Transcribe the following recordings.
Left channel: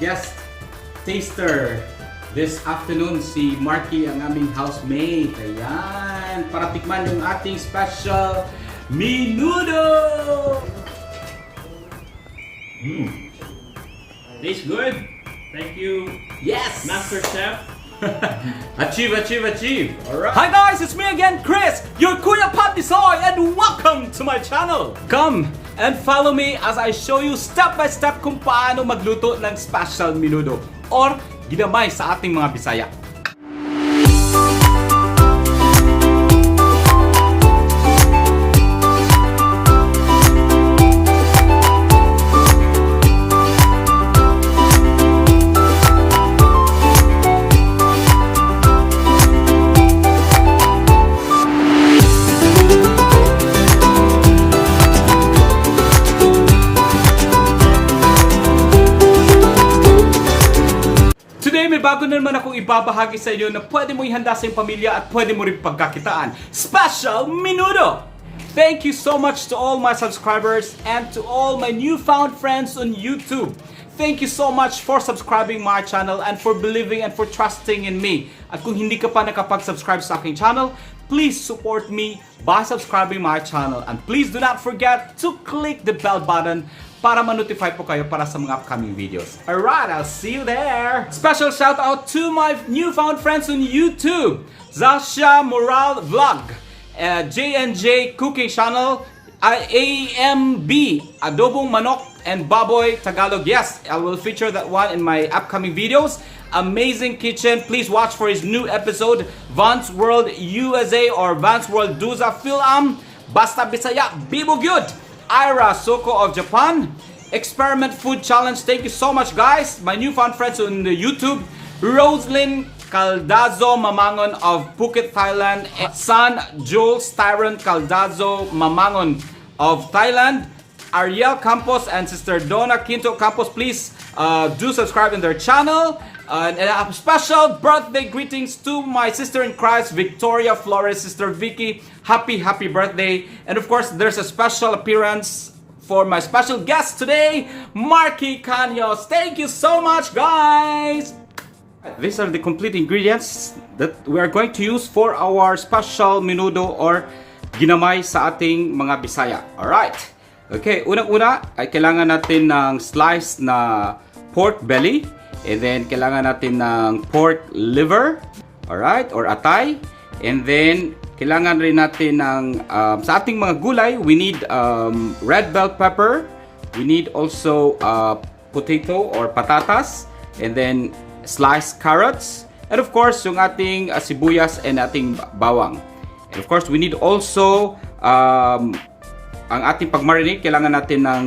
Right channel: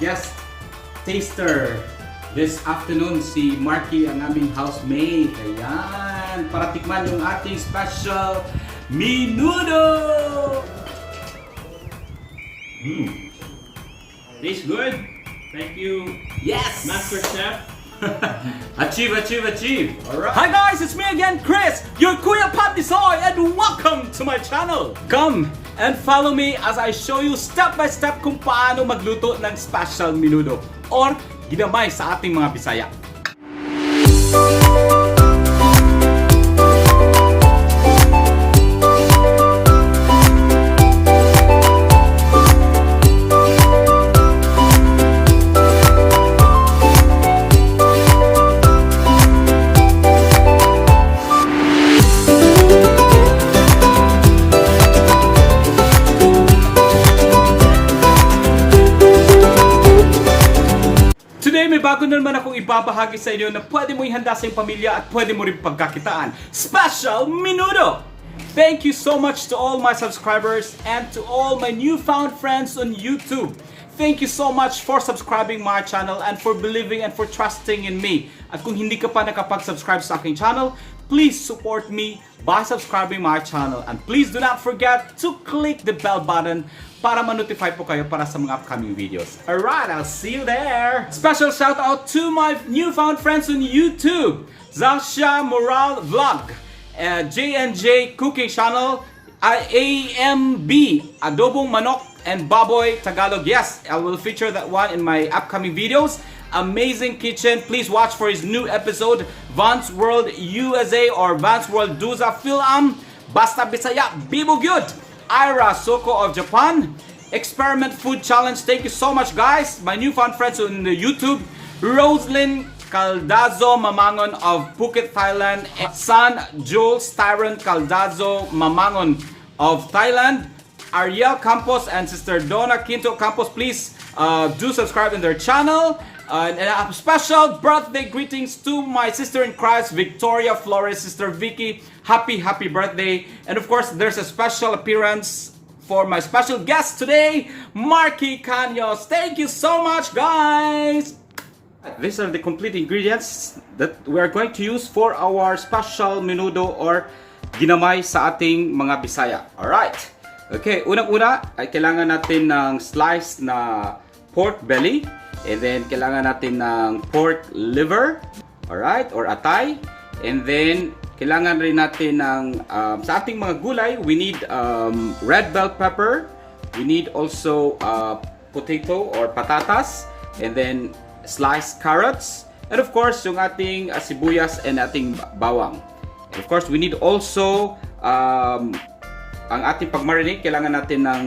guest taster this afternoon, si Marky, ang aming housemate. Ayan, para tikman yung ating special Menudo! Tastes good. Thank you. Yes! Master Chef. Achieve! Alright. Hi guys, it's me again, Chris, your Kuya Patisoy, and welcome to my channel. Come and follow me as I show you step by step kung paano magluto ng special menudo or ginamay sa ating mga Bisaya. May bago na naman akong ibabahagi sa inyo na pwede mo ihanda sa iyong pamilya at pwede mo rin pagkakitaan. Special Menudo! Thank you so much to all my subscribers and to all my newfound friends on YouTube. Thank you so much for subscribing my channel and for believing and for trusting in me. At kung hindi ka pa nakapag-subscribe sa aking channel, please support me by subscribing my channel. And please do not forget to click the bell button para ma-notify po kayo para sa mga upcoming videos. Alright, I'll see you there! Special shout out to my newfound friends on YouTube! Zasha Moral Vlog, JNJ Cooking Channel, AMB, Adobong Manok and Baboy Tagalog. Yes, I will feature that one in my upcoming videos. Amazing Kitchen, please watch for his new episode, Vance World USA or Vance World Duza Film, Basta Bisaya, Bibo Gyud! Ira Soko of Japan, Experiment Food Challenge. Thank you so much, guys. My newfound friends on the YouTube, Roslyn Caldazo Mamangon of Phuket, Thailand, San Jules Tyron Caldazo Mamangon of Thailand, Ariel Campos and Sister Donna Quinto Campos. Please do subscribe in their channel. And a special birthday greetings to my sister in Christ, Victoria Flores, Sister Vicky. Happy birthday. And of course, there's a special appearance for my special guest today, Marky Caños. Thank you so much, guys. These are the complete ingredients that we are going to use for our special menudo or ginamay sa ating mga Bisaya. Alright. Okay, unang-una ay kailangan natin ng slice na pork belly. And then, kailangan natin ng pork liver, alright, or atay. And then, kailangan rin natin ng, sa ating mga gulay, we need red bell pepper. We need also potato or patatas. And then, sliced carrots. And of course, yung ating sibuyas and ating bawang. And of course, we need also, ang ating pag-marinate, kailangan natin ng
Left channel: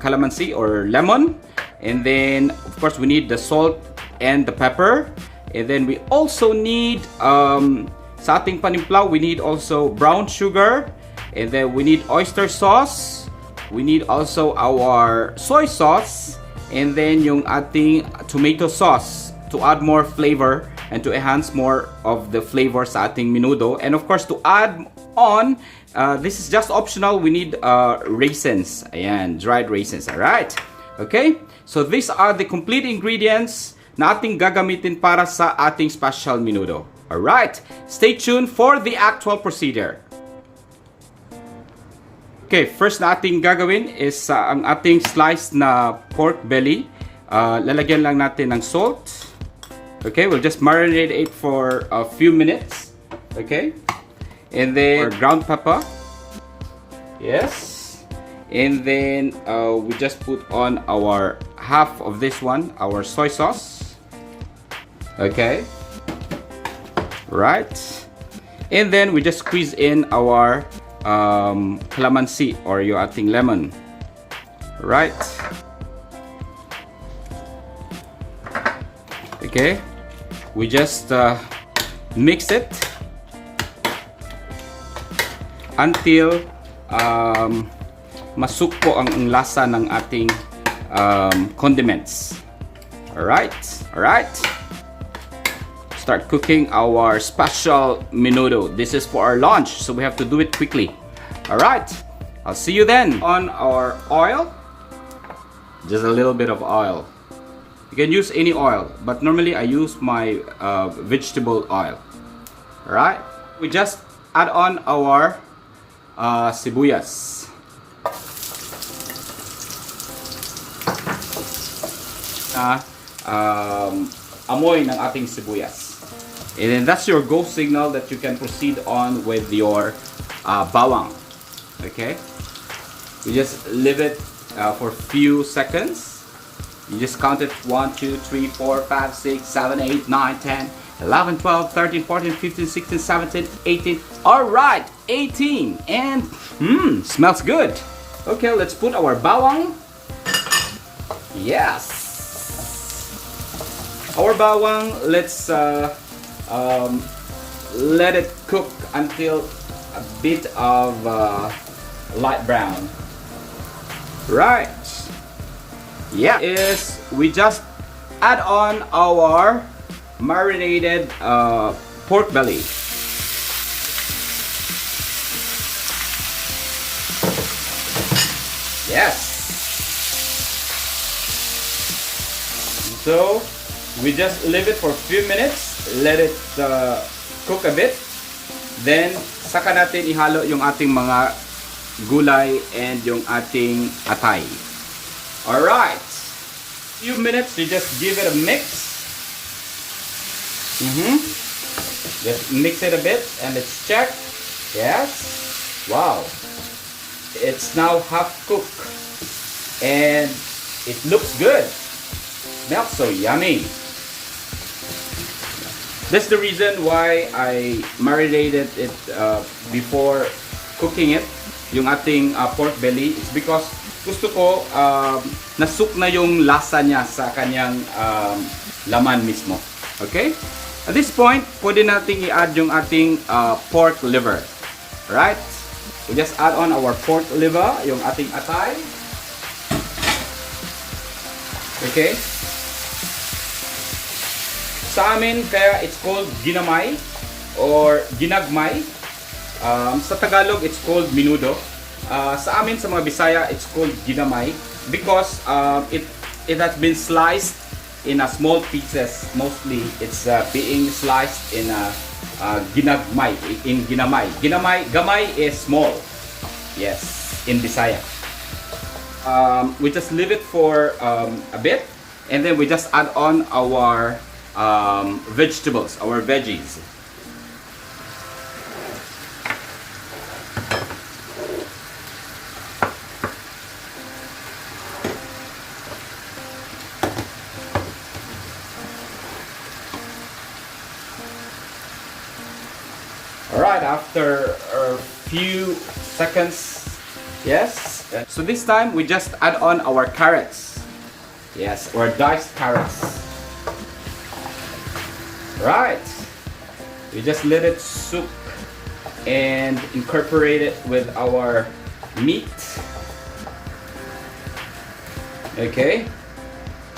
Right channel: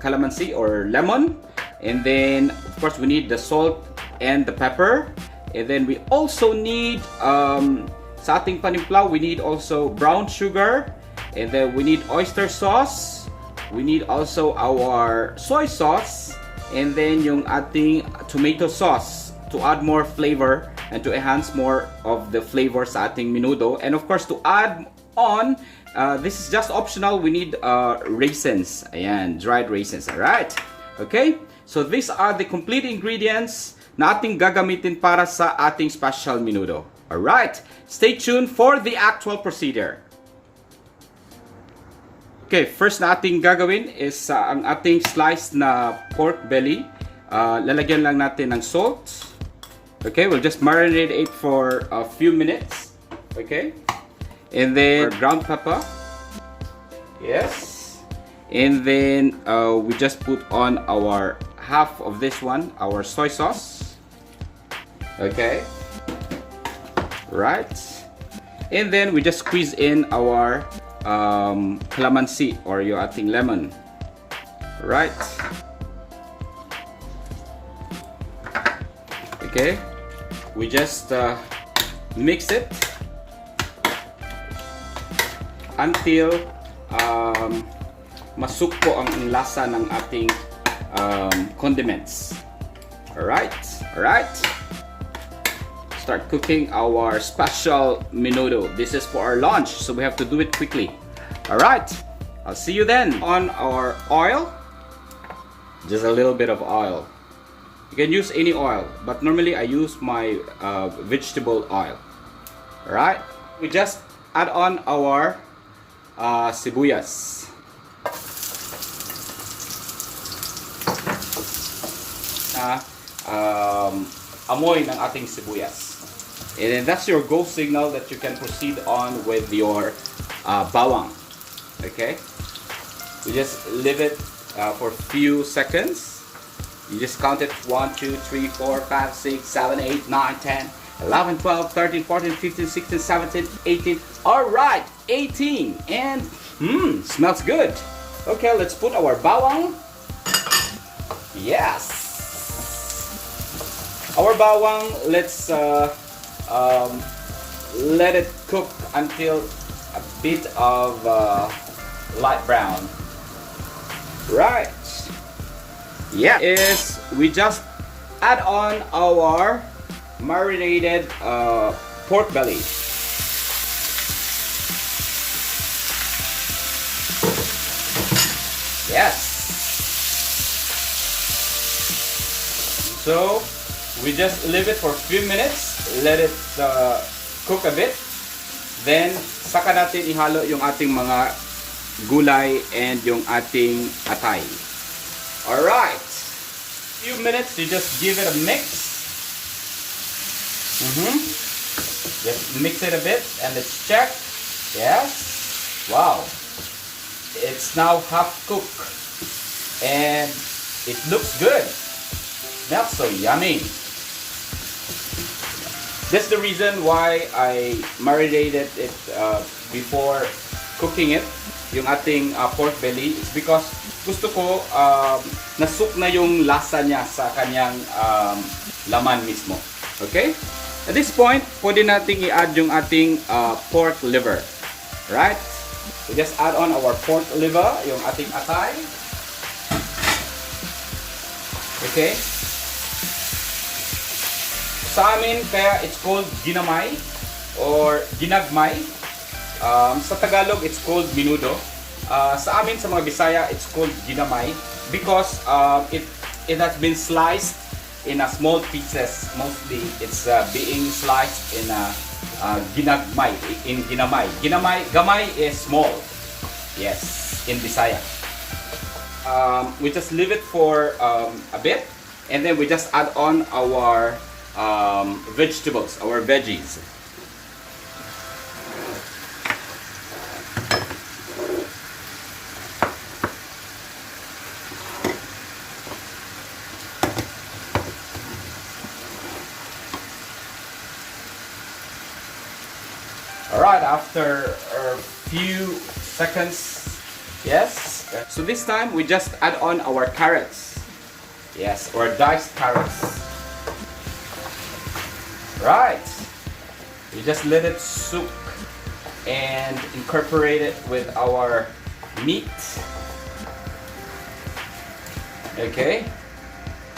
calamansi or lemon. And then, of course, we need the salt and the pepper. And then, we also need, sa ating panimpla, we need also brown sugar. And then, we need oyster sauce. We need also our soy sauce. And then, yung ating tomato sauce to add more flavor and to enhance more of the flavor sa ating menudo. And of course, to add on, this is just optional, we need raisins. Ayan, dried raisins. Alright? Okay? So these are the complete ingredients na ating gagamitin para sa ating special menudo. Alright, stay tuned for the actual procedure. Okay, first na ating gagawin is ang ating sliced na pork belly. Lalagyan lang natin ng salt. Okay, we'll just marinate it for a few minutes. Okay, and then ground pepper. Yes. And then we just put on our half of this one, our soy sauce. Okay. Right. And then we just squeeze in our calamansi or yung ating lemon. Right. Okay. We just mix it until masukpo ang lasa ng ating condiments. Alright. Start cooking our special menudo. This is for our lunch, so we have to do it quickly. Alright, I'll see you then. On our oil, just a little bit of oil. You can use any oil, but normally I use my vegetable oil. Alright, we just add on our sibuyas. Amoy ng ating sibuyas. And then that's your go signal that you can proceed on with your bawang. Okay? You just leave it for a few seconds. You just count it 1, 2, 3, 4, 5, 6, 7, 8, 9, 10, 11, 12, 13, 14, 15, 16, 17, 18. Alright, 18. And smells good. Okay, let's put our bawang. Yes. Our bawang, let's let it cook until a bit of light brown. Right. Yeah. Is we just add on our marinated pork belly. Yes. So we just leave it for a few minutes, let it cook a bit. Then saka natin ihalo yung ating mga gulay and yung ating atay. Alright. Few minutes, you just give it a mix. Just mix it a bit and let's check. Yes. Wow. It's now half cooked and it looks good. Smells so yummy. That's the reason why I marinated it before cooking it, yung ating pork belly. It's because gusto ko nasuk na yung lasa niya sa kanyang laman mismo. Okay? At this point, pwede nating i-add yung ating pork liver. Right? We just add on our pork liver, yung ating atay. Okay? Sa amin, kaya it's called ginamay or ginagmay. Sa Tagalog, it's called menudo. Sa amin, sa mga Bisaya, it's called ginamay because it has been sliced in a small pieces. Mostly, it's being sliced in ginagmay, in ginamay. Gamay is small. Yes, in Bisaya. We just leave it for a bit and then we just add on our vegetables, our veggies. Alright, after a few seconds, yes. So this time we just add on our carrots. Yes, or diced carrots. Right. We just let it soak and incorporate it with our meat. Okay.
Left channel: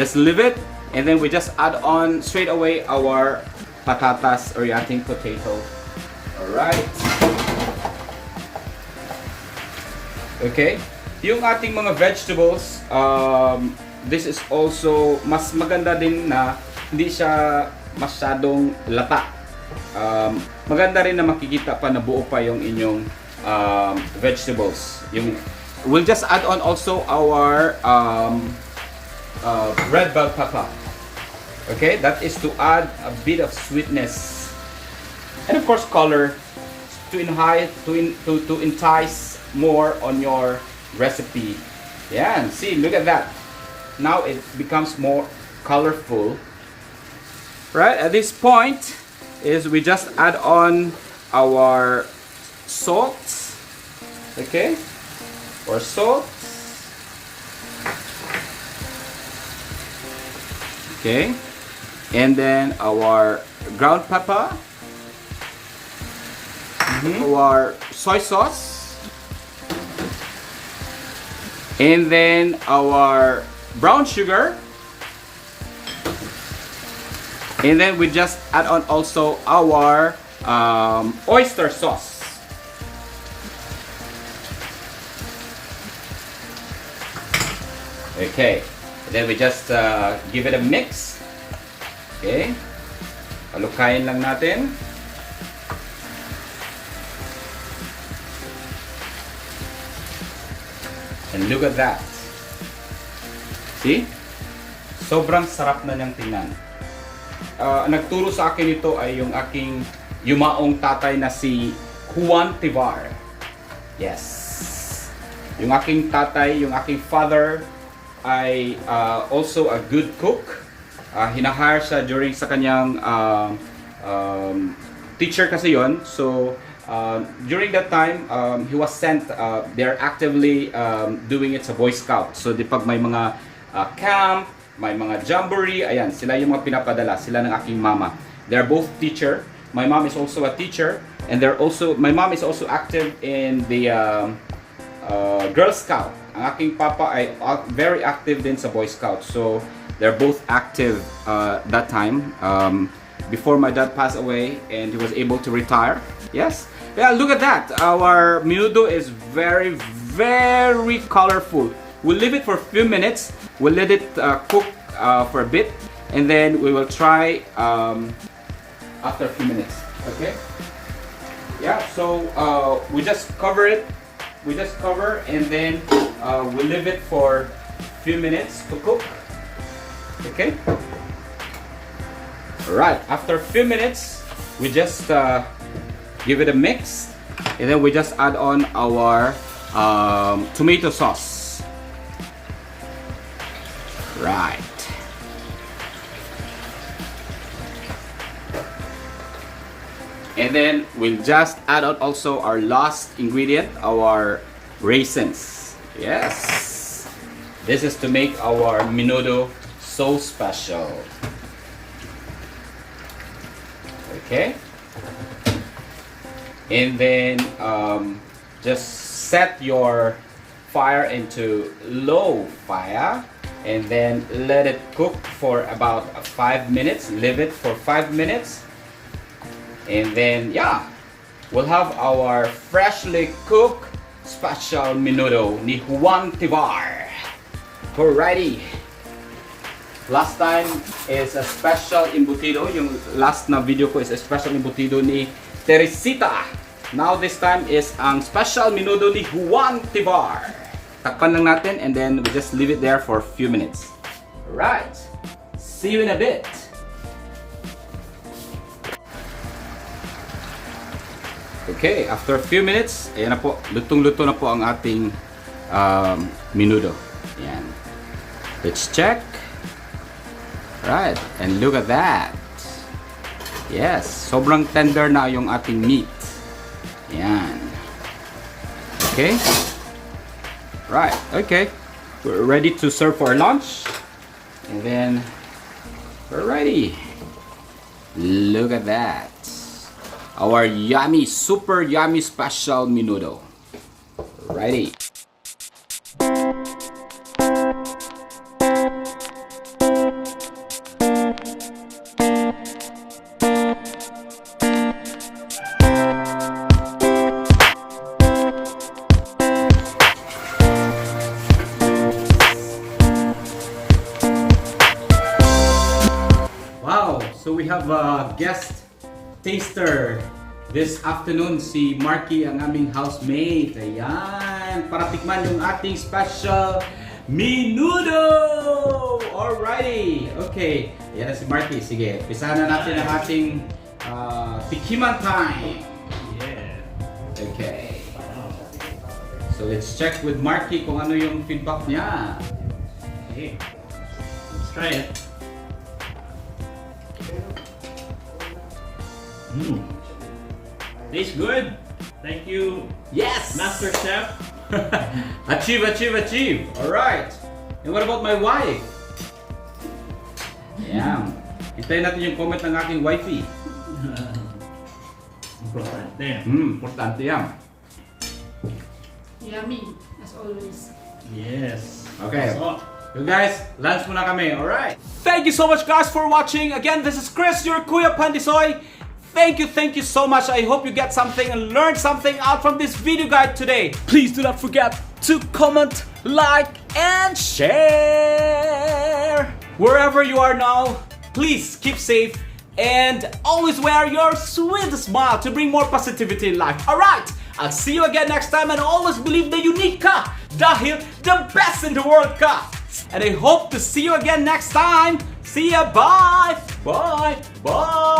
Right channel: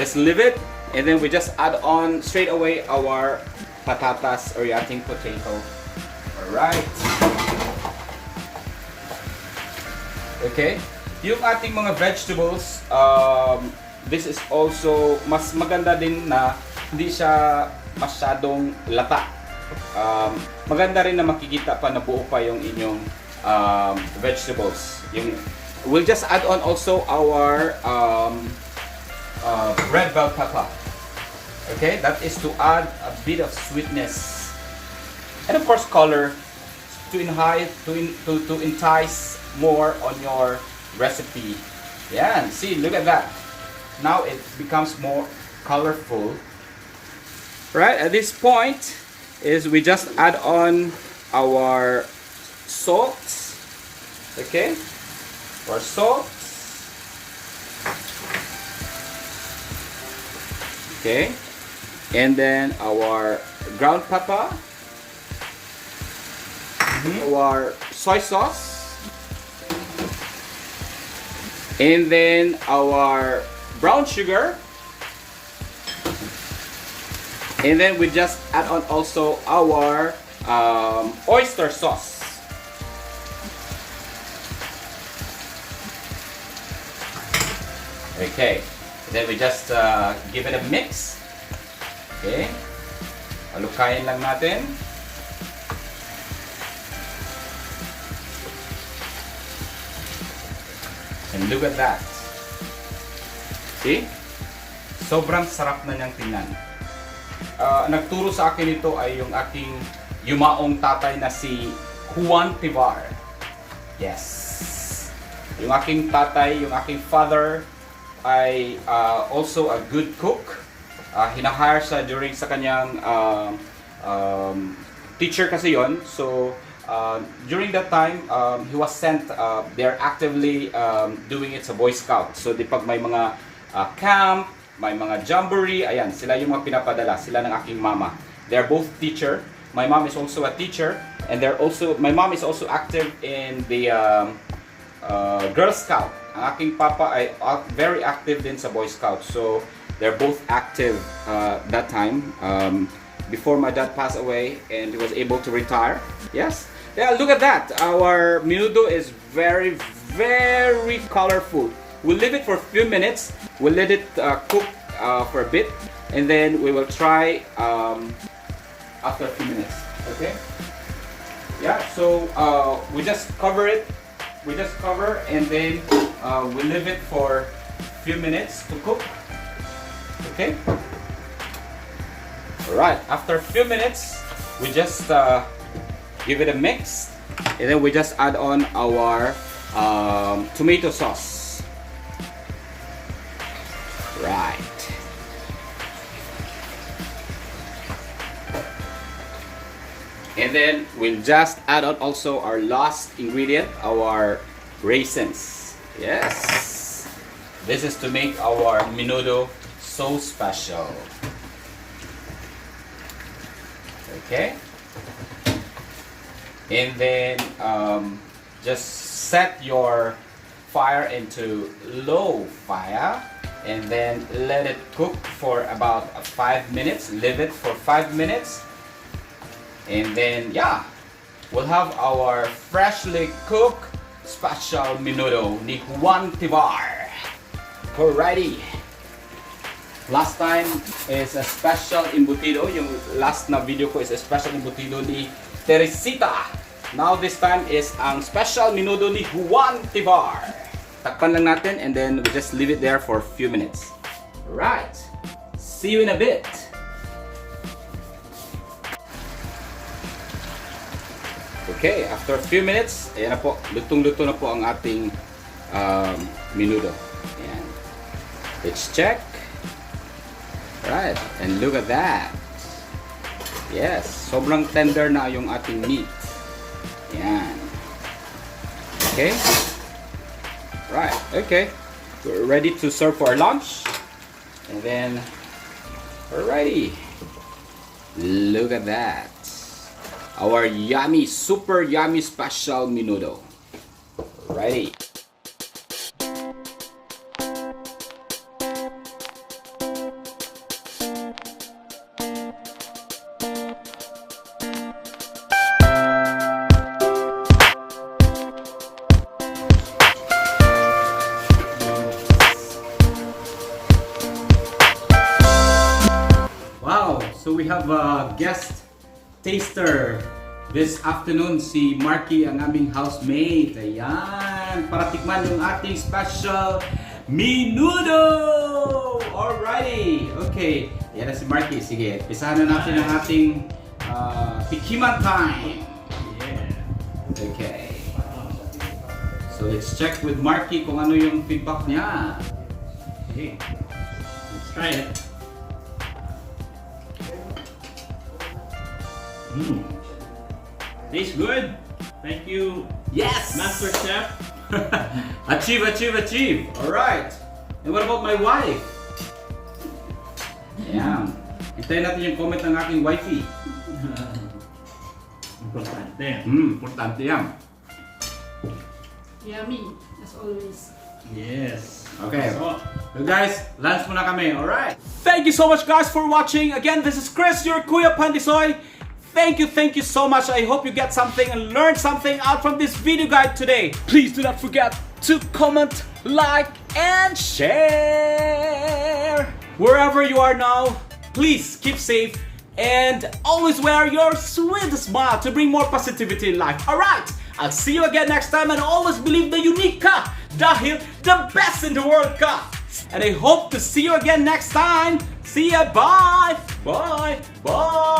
Just leave it and then we just add on straight away our patatas or yating potato. Alright. Okay. Yung ating mga vegetables, this is also mas maganda din na hindi siya masyadong lata. Maganda rin na makikita pa na buo pa yung inyong vegetables. We'll just add on also our red bell pepper. Okay, that is to add a bit of sweetness and of course color to entice more on your recipe. Yeah, and see, look at that. Now it becomes more colorful. Right, at this point is we just add on our salt. Okay, or salt. Okay, and then our ground pepper, our soy sauce, and then our brown sugar. And then we just add on also our oyster sauce. Okay. Then we just give it a mix. Okay. Halukayin lang natin. And look at that. See? Sobrang sarap na niyang tingnan. Nagturo sa akin ito ay yung aking yumaong tatay na si Juan Tivar. Yes. Yung aking tatay, yung aking father ay also a good cook. Hinahire siya during sa kanyang teacher kasi yon. So during that time, he was sent, they're actively doing it sa Boy Scout. So di pag may mga camp, may mga jamboree, ayan, sila yung mga pinapadala, sila ng aking mama. They're both teacher. My mom is also a teacher, and my mom is also active in the Girl Scout. Ang aking papa ay very active din sa Boy Scout. So they're both active that time, before my dad passed away and he was able to retire. Yes. Yeah, look at that. Our menudo is very, very colorful. We'll leave it for a few minutes. We'll let it cook for a bit, and then we will try after a few minutes. Okay? Yeah. So we just cover it. We just cover, and then we leave it for a few minutes to cook. Okay? Alright. After a few minutes, we just give it a mix, and then we just add on our tomato sauce. Right. And then we'll just add on also our last ingredient, our raisins. Yes. This is to make our menudo so special. Okay. And then just set your fire into low fire. And then let it cook for about 5 minutes. Leave it for 5 minutes. And then, yeah, we'll have our freshly cooked special menudo ni Juan Tivar. Alrighty. Last time is a special embutido. Yung last na video ko is a special embutido ni Teresita. Now this time is ang special menudo ni Juan Tivar. Takpan lang natin, and then we just leave it there for a few minutes. Alright. See you in a bit. Okay, after a few minutes, ayan na po, lutong-luto na po ang ating menudo. Ayan. Let's check. Right, and look at that. Yes, sobrang tender na yung ating meat. Ayan. Okay. Right, okay. We're ready to serve for our lunch. And then we're ready. Look at that. Our yummy, super yummy special menudo. Ready. So we have a guest taster this afternoon, si Marky, ang aming housemate. Ayan, para tikman yung ating special menudo! Alrighty! Okay, ayan na si Marky. Sige, pisahan na natin ang ating tikiman time. Yeah. Okay. So let's check with Marky kung ano yung feedback niya. Okay. Let's try it. Tastes good. Thank you, Yes! Master Chef. Achieve, achieve, achieve! Alright! And what about my wife? Ayan. Hintayin natin yung comment ng aking wifey. Importante. Importante yan. Yummy, as always. Yes. Okay. So, So guys, lunch muna kami, alright? Thank you so much, guys, for watching. Again, this is Chris, your Kuya Pandisoy. Thank you so much. I hope you get something and learn something out from this video guide today. Please do not forget to comment, like, and share. Wherever you are now, please keep safe and always wear your sweet smile to bring more positivity in life. Alright, I'll see you again next time and always believe the unique ka dahil the best in the world ka. And I hope to see you again next time. See ya, bye! Bye! Bye!